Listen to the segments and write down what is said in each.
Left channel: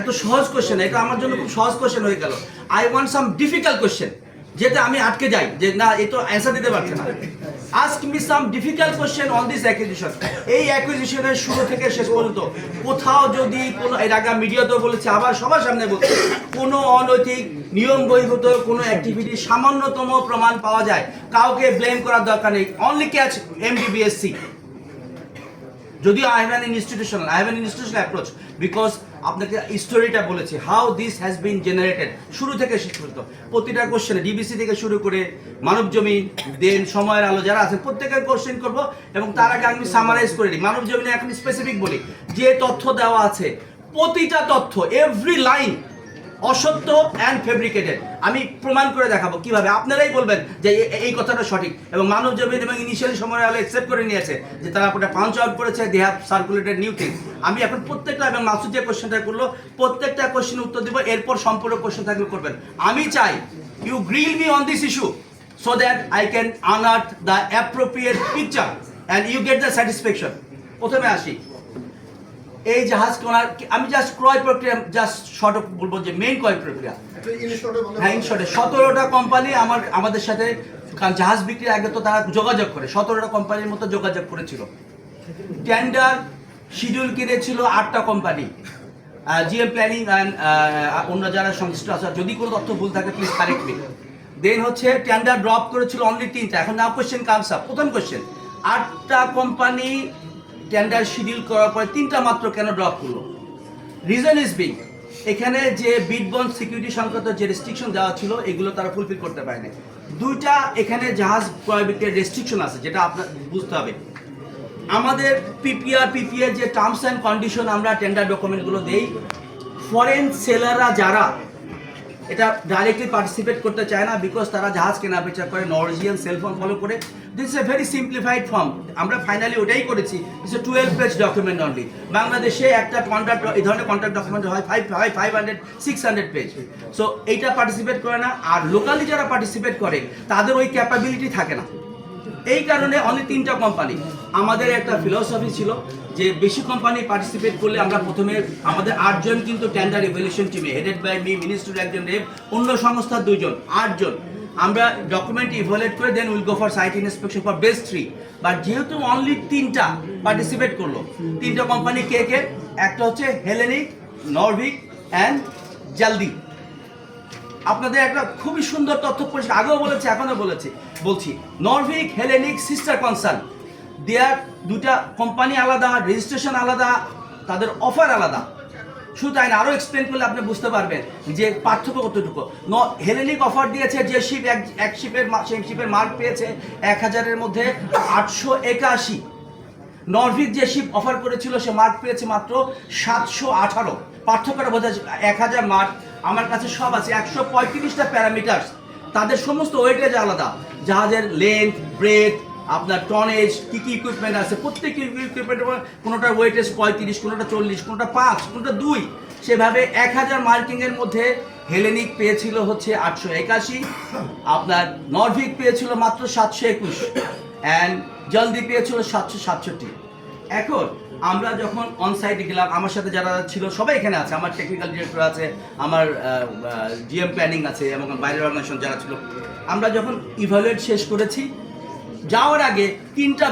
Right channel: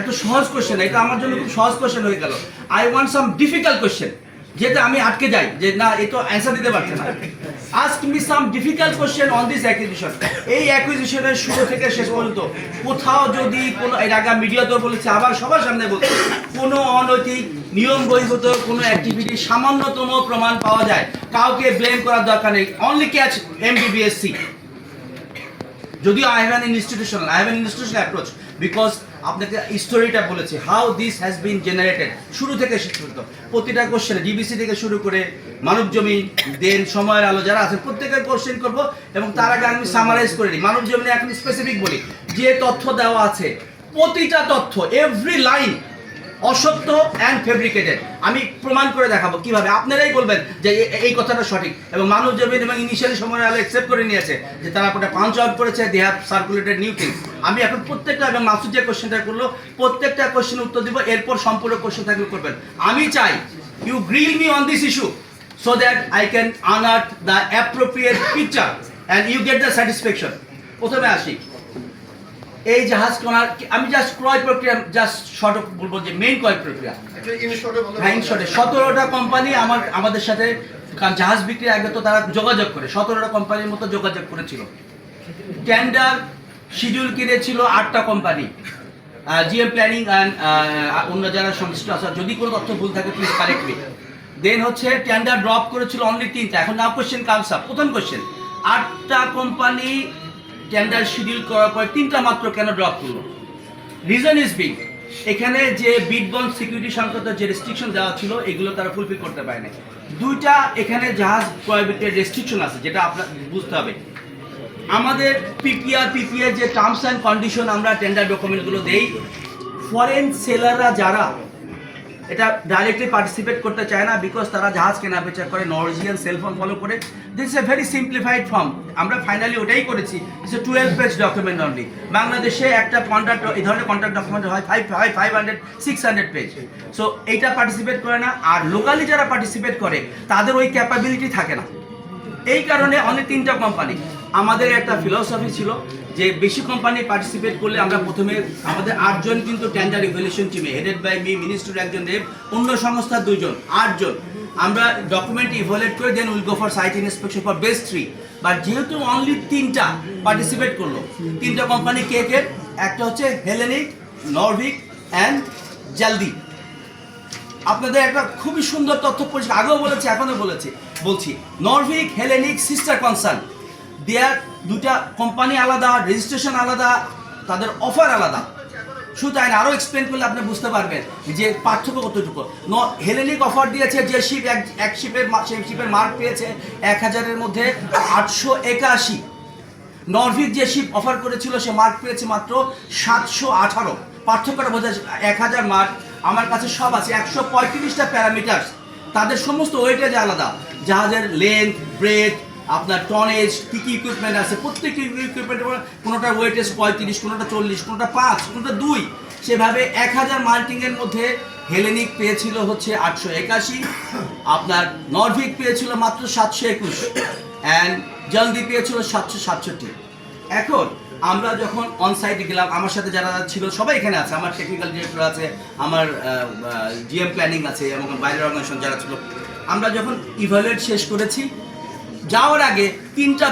এত সহজ কোশ্চেন, এটা আমার জন্য খুব সহজ কোশ্চেন হয়ে গেল। I want some difficult question, যেটা আমি আটকে যাই যে না এ তো অ্যান্সার দিতে পারছে না। Ask me some difficult question on this acquisition. এই অ্যাকুইজিশনের শুরু থেকে শেষ পর্যন্ত কোথাও যদি কোনো, এর আগে মিডিয়াতেও বলেছে, আবার সবার সামনে বলছে, কোনো অনৈতিক নিয়ম বহির্ভূত কোনো অ্যাক্টিভিটি সামান্যতম প্রমাণ পাওয়া যায়, কাউকে ব্লেম করার দরকার নেই। Only catch MBBSC। যদিও I have an institutional approach because আপনাকে স্টোরিটা বলেছি how this has been generated শুরু থেকে শেষ পর্যন্ত প্রতিটা কোশ্চেনে ডিবিসি থেকে শুরু করে মানব জমি, দেন সময়ের আলো যারা আছেন প্রত্যেকের কোশ্চেন করব, এবং তার আগে আমি সামারাইজ করে নিই। মানব জমিনে এখন স্পেসিফিক বলি, যে তথ্য দেওয়া আছে প্রতিটা তথ্য এভরি লাইন অসত্য অ্যান্ড ফেব্রিকেটেড। আমি প্রমাণ করে দেখাবো কিভাবে, আপনারাই বলবেন যে এই কথাটা সঠিক। এবং মানব জমিন এবং ইনিশিয়ালি সময় আলো অ্যাকসেপ্ট করে নিয়েছে যে তারা ওটা পাঞ্চ আউট করেছে, they have circulated new things. আমি এখন প্রত্যেকটা, এবং মাসুদ যে কোশ্চেনটা করলো প্রত্যেকটা কোশ্চেন উত্তর দিব, এরপর সম্পূর্ণ কোশ্চেন থাকলে করবেন। আমি চাই you grill me on this issue so that I can unearth the appropriate picture and you get the satisfaction. প্রথমে আসি এই জাহাজ কেনার, আমি জাস্ট ক্রয় প্রক্রিয়া জাস্ট শর্ট বলবো যে মেইন ক্রয় প্রক্রিয়া। হ্যাঁ, ইন শর্টে 17টা কোম্পানি আমাদের সাথে, কারণ জাহাজ বিক্রি আগে তো তারা যোগাযোগ করে 17টা কোম্পানির মতো যোগাযোগ করেছিল। টেন্ডার শিডিউল কিনেছিল 8টা কোম্পানি, জিএম প্ল্যানিং অ্যান্ড অন্য যারা সংশ্লিষ্ট আছে, যদি কোনো তথ্য ভুল থাকে প্লিজ কারেক্ট মি। দেন হচ্ছে টেন্ডার ড্রপ করেছিল অনলি 3টা। এখন নাও কোশ্চেন কামস আপ। প্রথম কোশ্চেন, 8টা কোম্পানি টেন্ডার শিডিউল করার পর 3টা মাত্র কেন ড্রপ করলো? রিজন ইজ বিগ, এখানে যে বিড বন্ড সিকিউরিটি সংক্রান্ত যে রেস্ট্রিকশন দেওয়া ছিল এগুলো তারা ফুলফিল করতে পারেনি। 2টা এখানে জাহাজ ক্রয় বিক্রয়ের রেস্ট্রিকশন আছে, যেটা আপনার বুঝতে হবে। আমাদের পিপিআর যে টার্মস অ্যান্ড কন্ডিশন আমরা টেন্ডার ডকুমেন্টগুলো দেই, ফরেন সেলাররা যারা এটা ডাইরেক্টলি পার্টিসিপেট করতে চায় না, বিকজ তারা জাহাজ কেনা বেচা করে নরওয়েজিয়ান সেলফোন ফলো করে। This is a very simplified form. আমরা ফাইনালি ওটাই করেছি, it's a 12 page document only. বাংলাদেশে একটা কন্ট্রাক্ট, এই ধরনের কন্ট্রাক্ট ডকুমেন্ট হয় 500-600 পেজ। সো এইটা পার্টিসিপেট করে না, আর লোকালি যারা পার্টিসিপেট করে তাদের ওই ক্যাপাবিলিটি থাকে না। এই কারণে অনেক 3টা কোম্পানি, আমাদের একটা ফিলসফি ছিল যে বেশি কোম্পানি পার্টিসিপেট করলে আমরা প্রথমে, আমাদের 8 জন কিন্তু টেন্ডার ইভ্যালুয়েশন টিমে, হেডেড বাই মি, মিনিস্টার একজন রেপ, অন্য সংস্থার 2 জন, 8 জন আমরা ডকুমেন্ট ইভ্যালুয়েট করে then will go for site inspection for best 3। But যেহেতু অনলি 3টা পার্টিসিপেট করলো, 3টা কোম্পানি কে কে? একটা হচ্ছে হেলেনিক, নরভিক অ্যান্ড জলদি। আপনাদের একটা খুবই সুন্দর তথ্য পরিষ্কার, আগেও বলেছি এখনো বলছি, নরভিক হেলেনিক সিস্টার কনসার্ন, দেয়ার 2টা কোম্পানি আলাদা, রেজিস্ট্রেশন আলাদা, তাদের অফার আলাদা। শুধু তাই না, আরও এক্সপ্লেন করলে আপনি বুঝতে পারবেন যে পার্থক্য কতটুকু। হেলেনিক অফার দিয়েছে যে শিপ, এক শিপের, সেই শিপের মার্ক পেয়েছে 1000-এর মধ্যে 881। নরভিক যে শিপ অফার করেছিল সে মার্ক পেয়েছে মাত্র 718। পার্থক্যটা বোঝা, 1000 মার্ক, আমার কাছে সব আছে 135টা প্যারামিটার্স, তাদের সমস্ত ওয়েটেজ আলাদা, জাহাজের লেন্থ, ব্রেথ, আপনার টনেজ, কী কী ইকুইপমেন্ট আছে, প্রত্যেক ইকুইপমেন্টের কোনোটার ওয়েটেজ 35, কোনোটা 40, কোনোটা 5, কোনোটা 2। সেভাবে 1000 মার্কিংয়ের মধ্যে হেলেনিক পেয়েছিল হচ্ছে 881, আপনার নরভিক পেয়েছিল মাত্র 721, অ্যান্ড জলদি পেয়েছিল 767। এখন আমরা যখন অনসাইটে গেলাম, আমার সাথে যারা ছিল সবাই এখানে আছে, আমার টেকনিক্যাল ডিরেক্টর আছে, আমার জিএম প্ল্যানিং আছে, এবং বাইরের অর্গানাইজেশন যারা ছিল। আমরা যখন ইভ্যালুয়েট শেষ করেছি, যাওয়ার আগে 3টা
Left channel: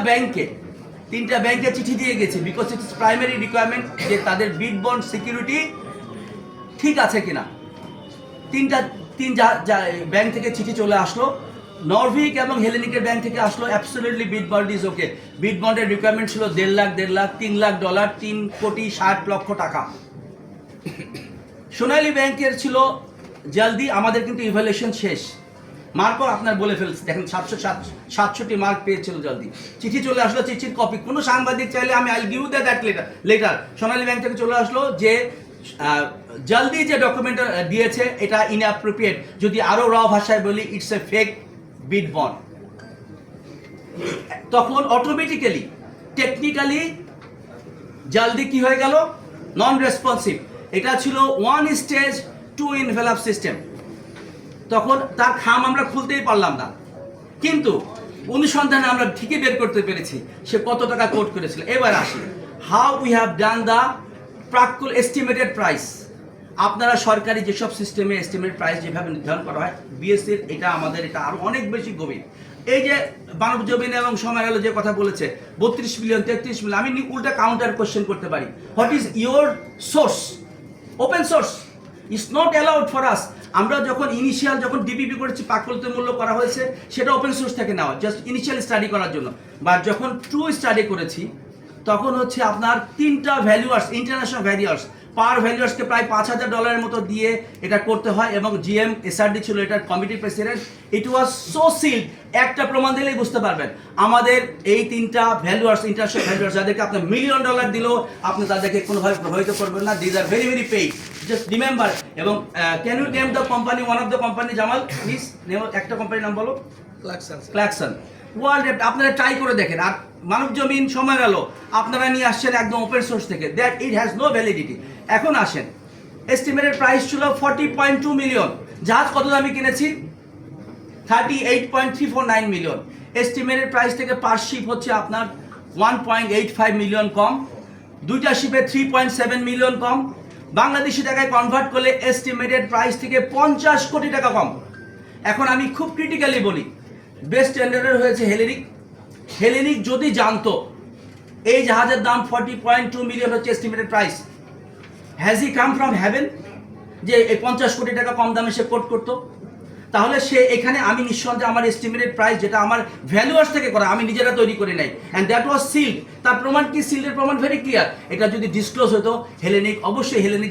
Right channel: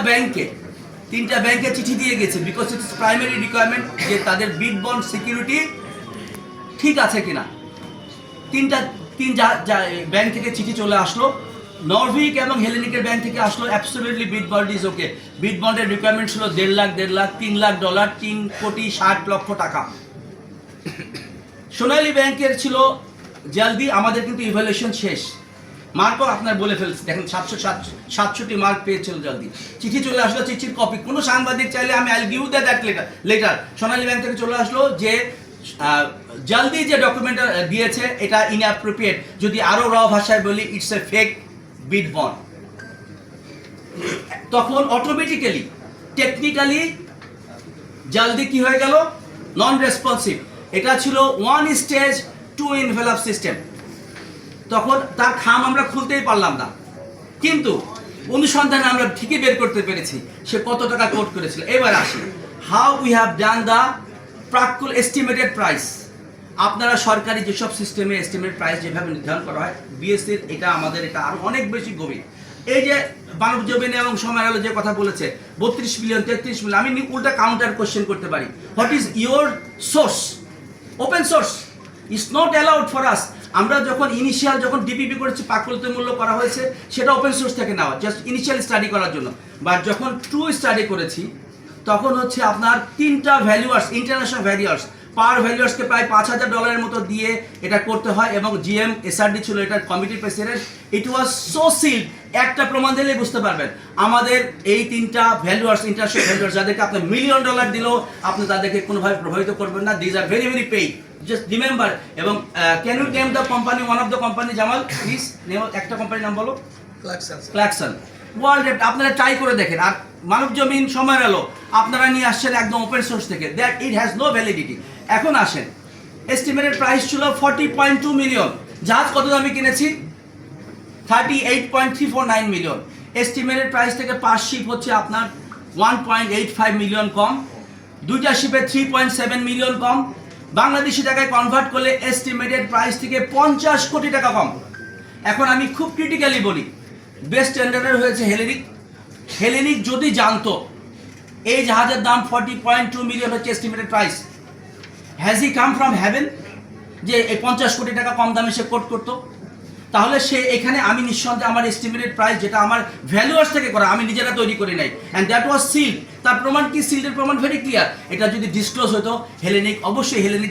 ব্যাংকে চিঠি দিয়ে গেছে, বিকজ ইটস প্রাইমারি রিকোয়ারমেন্ট যে তাদের বিড বন্ড সিকিউরিটি ঠিক আছে কিনা। 3 ব্যাংক থেকে চিঠি চলে আসলো, নরভিক এবং হেলেনিকের ব্যাংক থেকে আসলো absolutely bid bond is okay. Bid বন্ডের রিকোয়ারমেন্ট ছিল $1.5 লাখ, $3 লাখ, $3,60,00,000। সোনালী ব্যাংকের ছিল জলদি, আমাদের কিন্তু ইভ্যালুয়েশন শেষ, মার্কও আপনার বলে ফেলছে, দেখেন 767 মার্ক পেয়েছিল জলদি। চিঠি চলে আসলো, চিঠির কপি, কোনো সাংবাদিক চাইলে আমি I give that letter. Sonali bank থেকে চলে আসলো যে জলদি যে ডকুমেন্টটা দিয়েছে এটা ইনঅ্যাপ্রোপ্রিয়েট, যদি আরও র ভাষায় বলি it's a fake bid bond. তখন অটোমেটিক্যালি টেকনিক্যালি জলদি কি হয়ে গেল? Non responsive. এটা ছিল 1 স্টেজ 2 এনভেলপ সিস্টেম। তখন তার খাম আমরা খুলতেই পারলাম না, কিন্তু অনুসন্ধানে আমরা ঠিকই বের করতে পেরেছি সে কত টাকা কোট করেছিল। এবার আসি, how we have done the প্রাক্কুল এস্টিমেটেড প্রাইস। আপনারা সরকারি যেসব সিস্টেমে এস্টিমেট প্রাইস যেভাবে নির্ধারণ করা হয় বিএসসির এটা আমাদের এটা আরো অনেক বেশি গভীর। এই যে মানব জমিন এবং সময় আলো যে কথা বলেছে 32 মিলিয়ন 33 মিলিয়ন, আমি উল্টা কাউন্টার কোশ্চেন করতে পারি, what is your source? Open source is not allowed for us. আমরা যখন ইনিশিয়াল যখন ডিপিপি করেছি, পাককলিত মূল্য করা হয়েছে, সেটা ওপেন সোর্স থেকে নেওয়া, জাস্ট ইনিশিয়াল স্টাডি করার জন্য। বা যখন ট্রু স্টাডি করেছি তখন হচ্ছে আপনার 3টা ভ্যালুয়ার্স, ইন্টারন্যাশনাল ভ্যালুয়ার্স, পার ভ্যালুয়ার্সকে প্রায় $5,000 মতো দিয়ে এটা করতে হয়, এবং জিএম এসআরডি ছিল এটার কমিটির president. It was so sealed, একটা প্রমাণ দিলেই বুঝতে পারবেন। আমাদের এই 3টা ভ্যালুয়ার্স, ইন্টারন্যাশনাল ভ্যালুয়ার্স, যাদেরকে আপনি $1 মিলিয়ন দিলেও আপনি তাদেরকে কোনোভাবে প্রভাবিত করবেন না। These are very very paid, just remember. এবং can you name the company, one of the company? Jamal please name একটা কোম্পানির নাম বলো। ক্লাকসন। ওয়ার্ল্ড আপনারা ট্রাই করে দেখেন। আর মানব জমিন সময় এলো আপনারা নিয়ে আসছেন একদম ওপেন সোর্স থেকে, that it has no validity. এখন আসেন, এস্টিমেটেড প্রাইস ছিল 40.2 মিলিয়ন। জাহাজ কত দামে কিনেছি? 38.349 মিলিয়ন। এস্টিমেটেড প্রাইস থেকে পার শিপ হচ্ছে আপনার 1.85 মিলিয়ন কম, 2টা শিপে 3.7 মিলিয়ন কম। বাংলাদেশি টাকায় কনভার্ট করলে এস্টিমেটেড প্রাইস থেকে 50 কোটি টাকা কম। এখন আমি খুব ক্রিটিক্যালি বলি, বেস্ট টেন্ডারের হয়েছে হেলেনিক। হেলেনিক যদি জানতো এই জাহাজের দাম 40.2 মিলিয়ন হচ্ছে estimated price, has he come from heaven যে এই 50 কোটি টাকা কম দামে সে কোট করতো? তাহলে সে এখানে, আমি নিঃসন্দেহে আমার এস্টিমেটেড প্রাইস যেটা আমার ভ্যালুয়ার্স থেকে করা, আমি নিজেরা তৈরি করি নাই, অ্যান্ড দ্যাট ওয়াজ সিল্ড। তার প্রমাণ কি? সিল্ডের প্রমাণ ভেরি ক্লিয়ার। এটা যদি ডিসক্লোজ হতো, হেলেনিক অবশ্যই, হেলেনিক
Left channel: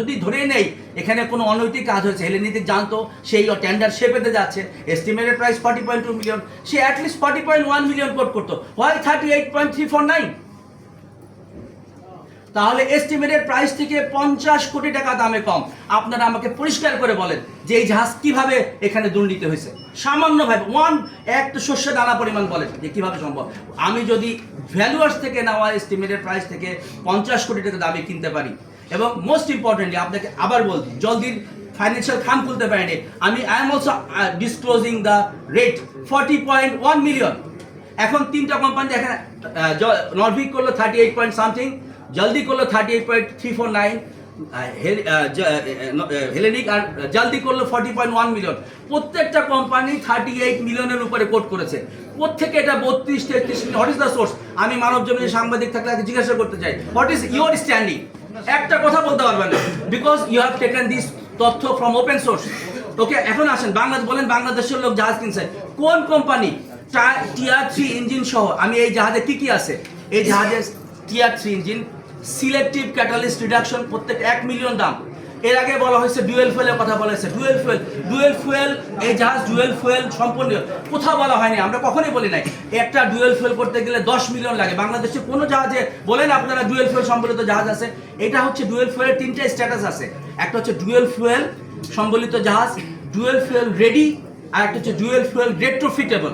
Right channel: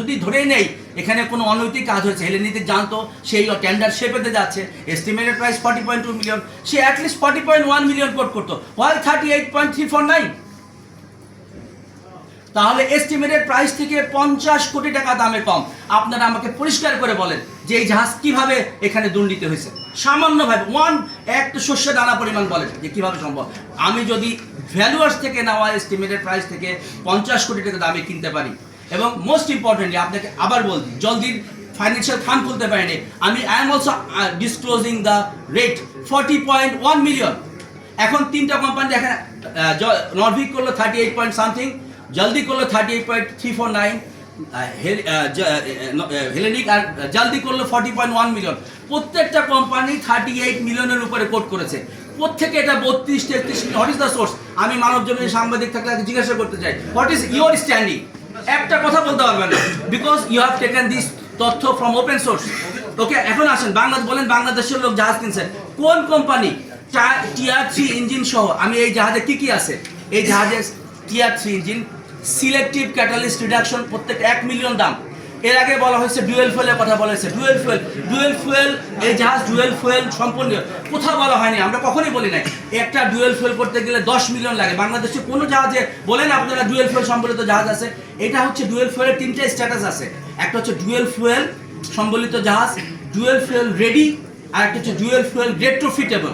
যদি ধরেই নেই এখানে কোনো অনৈতিক কাজ হয়েছে, হেলেনিক জানতো সেই টেন্ডার সে পেতে যাচ্ছে, এস্টিমেটেড প্রাইস 40.2 মিলিয়ন, সে অ্যাটলিস্ট 40.1 মিলিয়ন কোট করতো, হোয়াইল 38.349। তাহলে এস্টিমেটেড প্রাইস থেকে 50 কোটি টাকা দামে কম। আপনারা আমাকে পরিষ্কার করে বলেন যে এই জাহাজ কিভাবে এখানে দুর্নীতি হয়েছে? সামান্যভাবে একটা শস্য দানা পরিমাণ বলেন যে কিভাবে সম্ভব? আমি যদি ভ্যালুয়ার্স থেকে নেওয়া এস্টিমেটেড প্রাইস থেকে 50 কোটি টাকা দামে কিনতে পারি, এবং মোস্ট ইম্পর্টেন্টলি আপনাকে আবার বলছি, জলদির ফাইন্যান্সিয়াল খাম খুলতে পারিনি আমি, I am also disclosing the rate 40.1 million. এখন 3টা কোম্পানি দেখেন, নরভিক করলো 38 পয়েন্ট সামথিং, জলদি করলো 38.349, হেলেনিক আর জলদি করলো 40.1 মিলিয়ন। প্রত্যেকটা কোম্পানি 38 মিলিয়নের উপরে কোট করেছে। প্রত্যেকে এটা 32-33 million. What is the source? আমি মানব জমিনের সাংবাদিক থাকলে জিজ্ঞাসা করতে চাই, হোয়াট ইজ ইউর স্ট্যান্ডিং? একটা কথা বলতে পারবেন না, because you have taken this তথ্য ফ্রম ওপেন সোর্স। ওকে, এখন আসেন, বলেন বাংলাদেশের লোক জাহাজ কিনছেন, কোন কোম্পানি টিআর 3 ইঞ্জিন সহ? আমি এই জাহাজে কি কি আছে? এই জাহাজে TR 3 engine, selective catalyst reduction, প্রত্যেক 1 মিলিয়ন দাম। এর আগে বলা হয়েছে ডুয়েল ফুয়েলের কথা বলা হয়েছে, ডুয়েল ফুয়েল, এই জাহাজ ডুয়েল ফুয়েল সম্পূর্ণ কোথাও বলা হয়নি, আমরা কখনোই বলি নাই। একটা ডুয়েল ফুয়েল করতে গেলে 10 মিলিয়ন লাগে। বাংলাদেশে কোনো জাহাজে বলেন আপনারা ডুয়েল ফুয়েল সম্বলিত জাহাজ আছে? এটা হচ্ছে ডুয়েল ফুয়েলের 3টা স্ট্যাটাস আছে, একটা হচ্ছে ডুয়েল ফুয়েল সম্বলিত জাহাজ, ডুয়েল ফুয়েল রেডি, আর একটা হচ্ছে ডুয়েল ফুয়েল রেট্রোফিটেবল।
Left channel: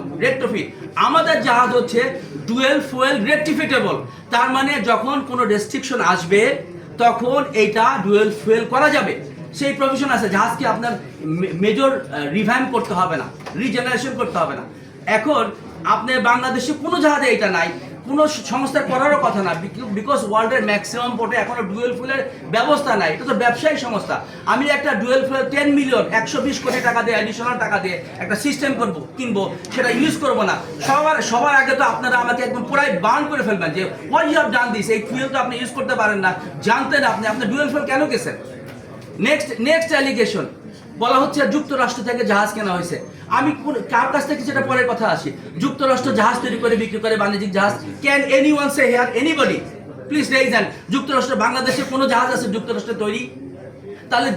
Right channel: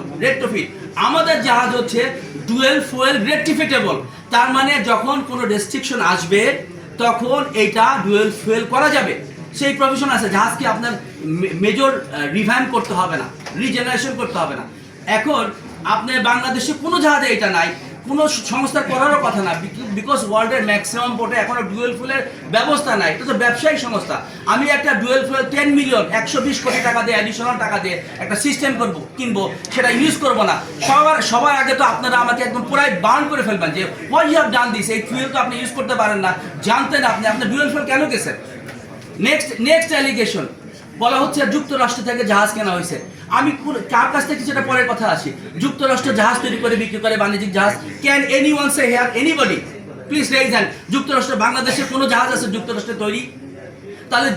আমাদের জাহাজ হচ্ছে ডুয়েল ফুয়েল রেট্রোফিটেবল, তার মানে যখন কোনো রেস্ট্রিকশন আসবে তখন এইটা ডুয়েল ফুয়েল করা যাবে, সেই প্রভিশন আছে। জাহাজকে আপনার মেজর রিভ্যাম্প করতে হবে না, রিজেনারেশন করতে হবে না। এখন আপনার বাংলাদেশে কোনো জাহাজে এটা নাই, কোনো সংস্থা করারও কথা না, বিকজ ওয়ার্ল্ডের ম্যাক্সিমাম পোর্টে এখনো ডুয়েল ফুয়েলের ব্যবস্থা নাই। এটা তো ব্যবসায়িক সংস্থা। আমি একটা ডুয়েল ফুয়েল 10 মিলিয়ন 120 কোটি টাকা দিয়ে, অ্যাডিশনাল টাকা দিয়ে একটা সিস্টেম কিনবো, সেটা ইউজ করবো না। সবার আগে তো আপনারা আমাকে একদম পুরাই বার্ন করে ফেলবেন যে what you have done this, এই ফুয়েল তো আপনি ইউজ করতে পারেন না, জানতেন আপনি ডুয়েল ফুয়েল কেন গেছেন? নেক্সট অ্যালিগেশন বলা হচ্ছে যুক্তরাষ্ট্র থেকে জাহাজ কেনা হয়েছে। আমি কার কাছ থেকে সেটা পরের কথা আসি। যুক্তরাষ্ট্র জাহাজ তৈরি করে বিক্রি করে, বাণিজ্যিক জাহাজ। Can anyone say here, anybody please raise hand, যুক্তরাষ্ট্র বাংলাদেশের কোনো জাহাজ আছে যুক্তরাষ্ট্রে তৈরি? তাহলে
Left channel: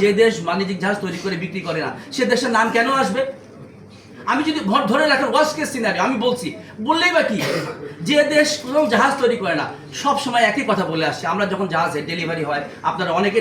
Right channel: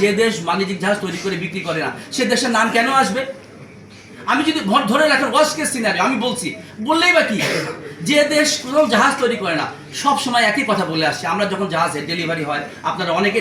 যে দেশ বাণিজ্যিক জাহাজ তৈরি করে বিক্রি করে না, সে দেশের নাম কেন আসবে? আমি যদি ধরে রাখেন ওয়ার্স্ট কেস সিনারিও, আমি বলছি, বললেই বা কি, যে দেশ কোনো জাহাজ তৈরি করে না, সব সময় একই কথা বলে আসছে। আমরা যখন জাহাজে ডেলিভারি হয়, আপনারা অনেকে